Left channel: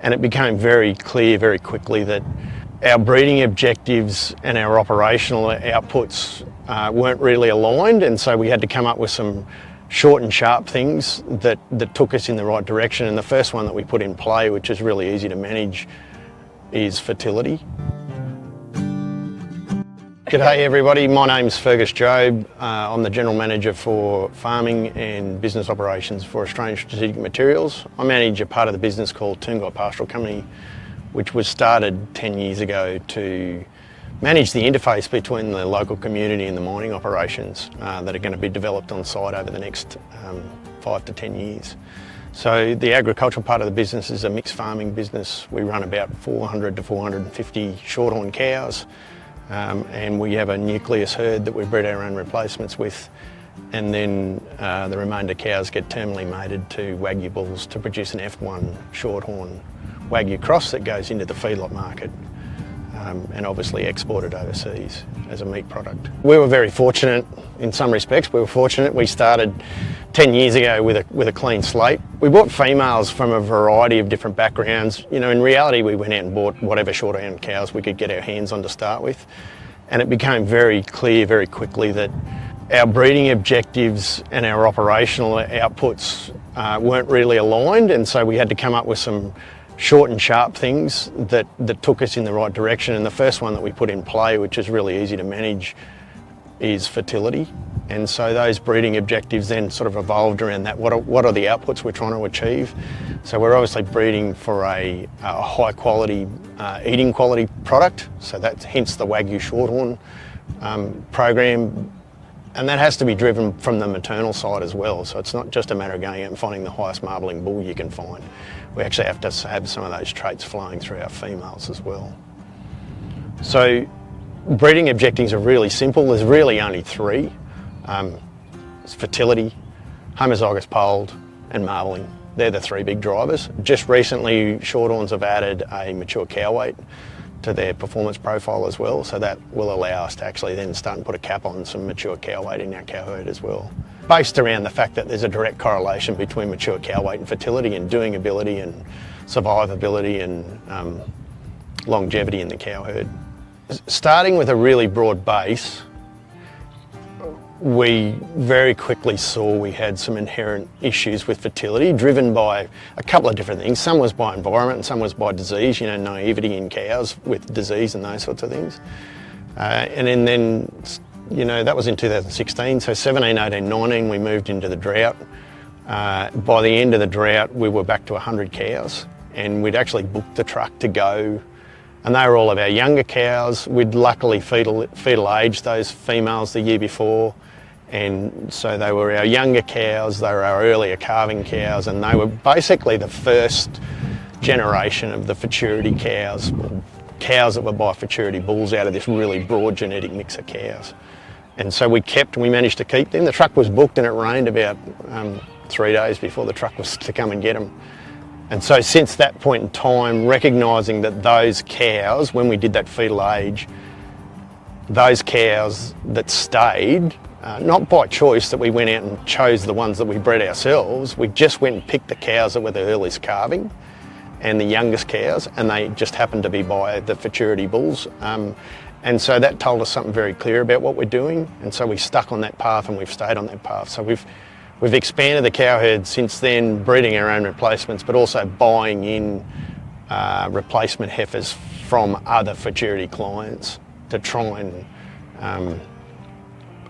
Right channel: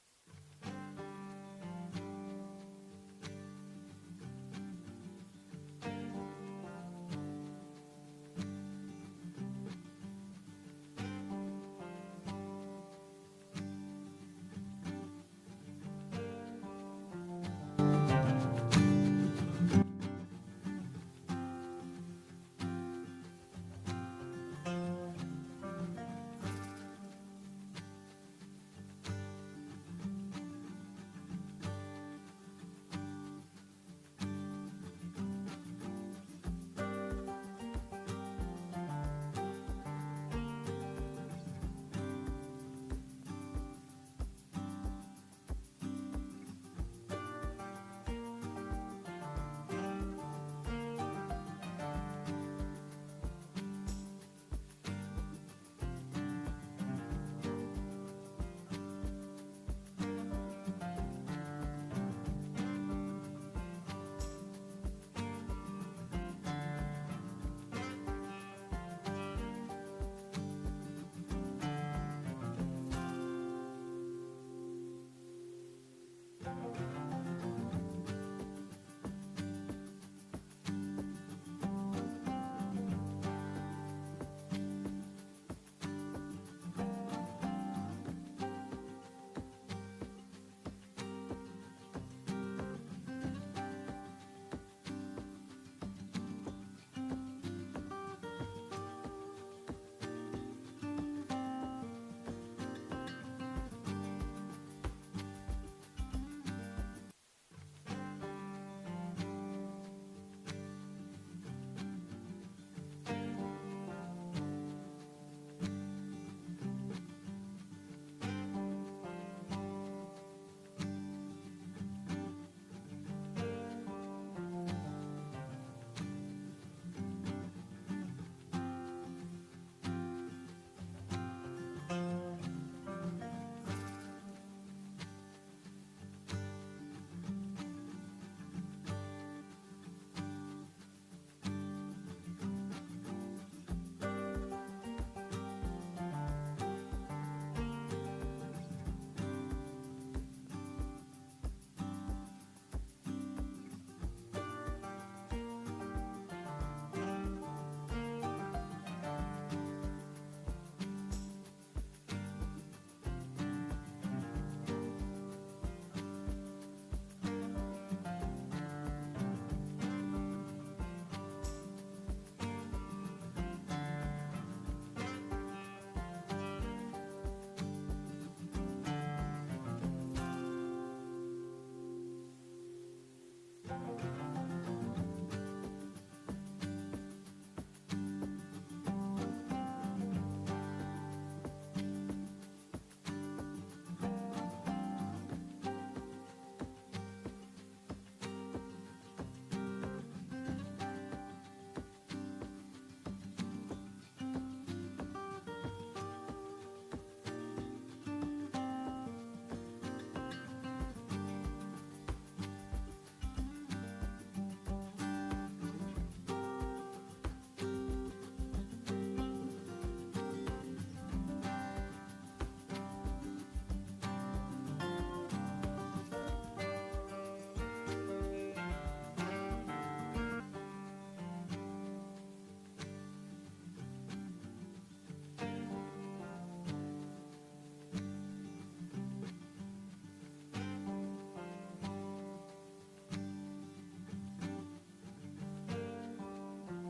And it became very clear very quickly that our breeding objectives and our operational outputs weren't really aligned, and so we had to come up with some short and sharp things that took us in the right direction. And the first one that we put in play, which is really easy to manage, is fertility. G'day everybody, my name's Fergus Jobe. I'm the General Manager for Farming and Business Operations for Australian Strategic Materials. I manage a part of the business called Toongi Pastoral Company, which was started 10 years ago to manage the interface between the local community and the mining operations that are going to be developed on site over the next 5 to 10 years. So the agricultural part of the business is a mixed farming business. We run about 400 to 450 shorthorn cows. And we have a nucleus herd that we breed our own replacements with, and then the remainder cows get terminally mated to Wagyu bulls to produce an F1 shorthorn Wagyu cross that goes into the feedlot market and obviously exported overseas as a meat product. We were very fortunate in some respects. We started 10 years ago with a clean slate. We bought females from a variety of different backgrounds. You know, in reality, we went out and bought whatever shorthorn cows we could get our hands on to start with. And it became very clear very quickly that our breeding objectives and our operational outputs weren't really aligned, and so we had to come up with some short and sharp things that took us in the right direction. And the first one that we put in play, which is really easy to manage, is fertility. And so those breeding objectives then sort of evolved around that. What are the outputs we're trying to achieve? So we're obviously breeding for a high quality, eating quality product. So that's hence the Wagyu shorthorn program. And that has to be driven from the maternal side as well. So it's not just a matter of going out and finding the highest marbling bull you can find. We actually have to have some of those traits flowing through our females as well. So breeding objectives are really simple. There's really only three. It's fertility, homozygous polled, and marbling. They're the three big drivers. Just recently, shorthorns have added a mature cow weight to their performance profile as well, so that will allow us to actually then start and put a cap on some mature cow weight in our cow herd as well. Based around the fact that there's a direct correlation between mature cow weight and fertility and doing ability and survivability and longevity in the cow herd. Starting with a really broad base, we very quickly saw we had some inherent issues with fertility driven by a couple of different things. Some was by environment and some was by disease, you know, naivety in cows with disease and those sorts of things. And then, you know, that was in 2016, so 17, 18, 19 we moved into the drought. By the end of the drought we were back to 100 cows, and we'd actually booked the truck to go, and they were all of our younger cows. We'd luckily fetal aged those females the year before, and so they were our younger cows, they were our earlier calving cows, and they were basically the first generation of the futurity cows that were by futurity bulls out of this really broad genetic mix of cows. And so we managed to keep them. The truck was booked and it rained about 3 days before the truck was to come and get them. And so since that point in time, recognising that those cows, when we did that fetal age, those cows that stayed, not by choice that we went out and chose the ones that we bred ourselves, we just went and picked the cows that were the earliest calving and the youngest cows, and they just happened to be by the futurity bulls. And so that told us something very clear about what we're doing, and so we stuck on that path and we've stayed on that path. So we've expanded the cow herd since then, breeding our own replacements, but also buying in replacement heifers from other futurity clients to try and,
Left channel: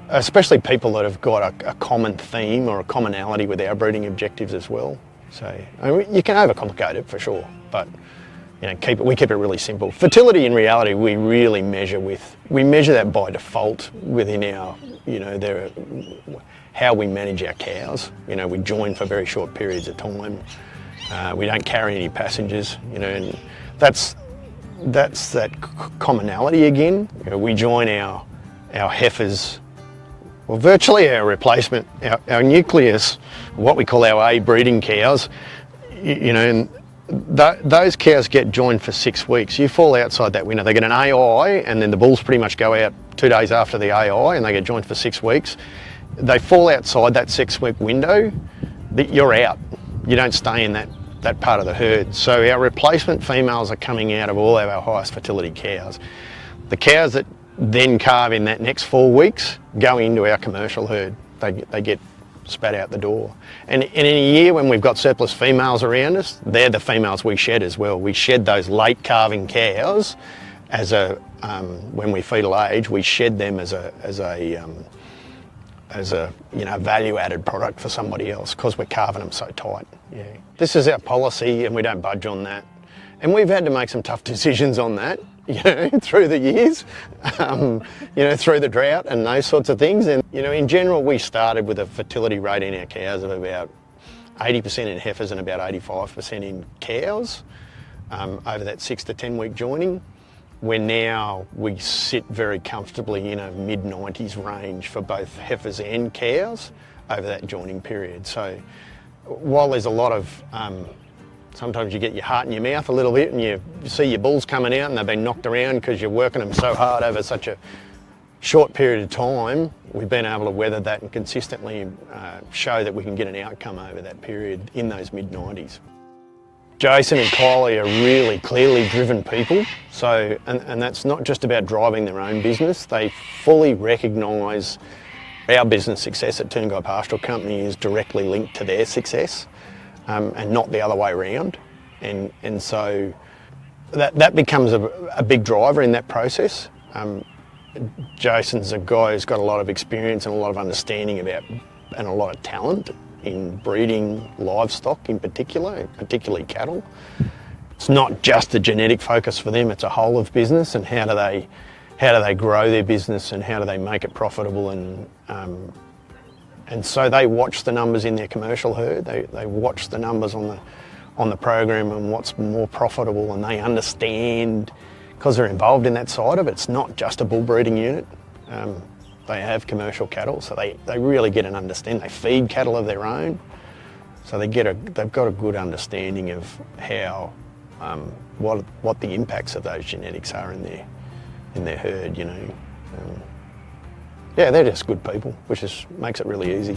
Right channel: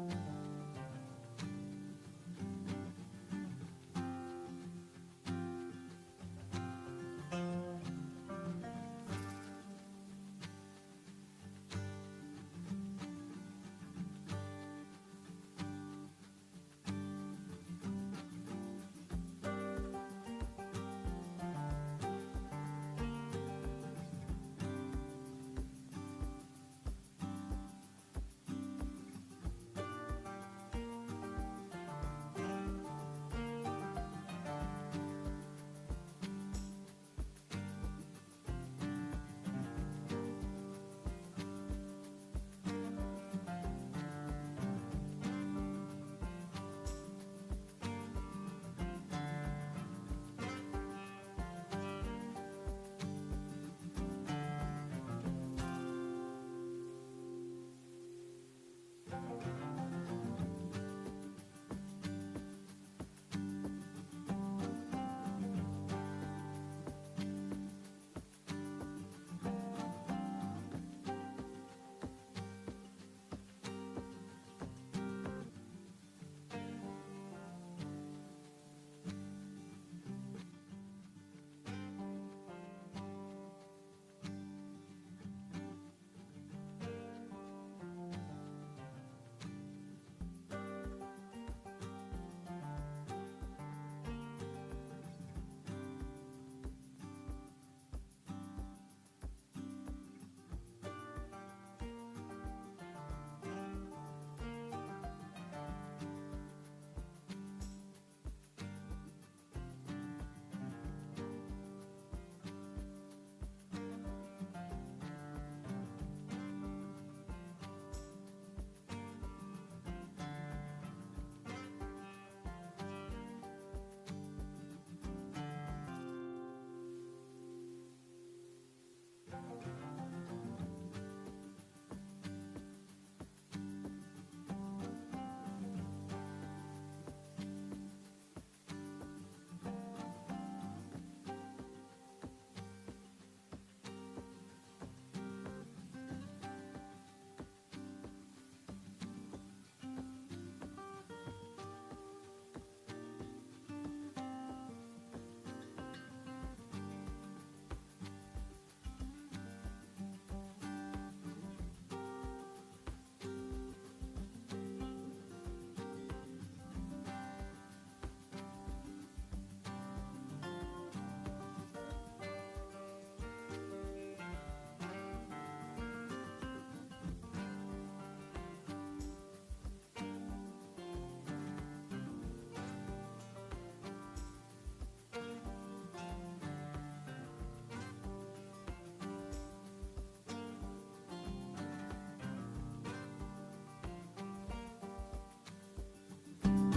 especially people that have got a common theme or a commonality with our breeding objectives as well. So I mean, you can overcomplicate it for sure, but you know, we keep it really simple. Fertility in reality we really measure that by default within our, you know, how we manage our cows. You know, we join for very short periods of time. We don't carry any passengers, you know, and that's that commonality again. You know, we join our heifers, well, virtually our replacement, our nucleus, what we call our A breeding cows, you know, and those cows get joined for 6 weeks. You fall outside that window. They get an AI, and then the bulls pretty much go out 2 days after the AI, and they get joined for 6 weeks. They fall outside that 6 week window, you're out. You don't stay in that that part of the herd. So our replacement females are coming out of all of our highest fertility cows. The cows that then calve in that next 4 weeks go into our commercial herd. They get spat out the door. And in a year when we've got surplus females around us, they're the females we shed as well. We shed those late calving cows as when we fetal age, we shed them as a value-added product for somebody else because we're carving them so tight. Yeah. This is our policy and we don't budge on that. And we've had to make some tough decisions on that, through the years, through the drought and those sorts of things. And, in general, we started with a fertility rate in our cows of about 80% in heifers and about 85% in cows over that 6 to 10 week joining. Where now we sit very comfortably in a mid-90s range for both heifers and cows over that joining period. So while there's a lot of, sometimes you get your heart in your mouth a little bit and you see your bulls coming out and they've been knocked around because you're working them so hard over such a short period of time, we've been able to weather that and consistently show that we can get an outcome over that period in those mid-90s. Jason and Kylie are really clearly driven people, so and that's not just about driving their own business. They fully recognise our business success at Toongi Pastoral Company is directly linked to their success, and not the other way around. And so that becomes a big driver in that process. Jason's a guy who's got a lot of experience and a lot of understanding about and a lot of talent in breeding livestock in particular, particularly cattle. It's not just a genetic focus for them, it's a whole of business and how do they grow their business and how do they make it profitable, and so they watch the numbers in their commercial herd, they watch the numbers on the program and what's more profitable, and they understand, because they're involved in that side of it, it's not just a bull breeding unit. They have commercial cattle, so they really get an understanding. They feed cattle of their own, so they've got a good understanding of how, what the impacts of those genetics are in their herd. Yeah, they're just good people, which makes it really easy.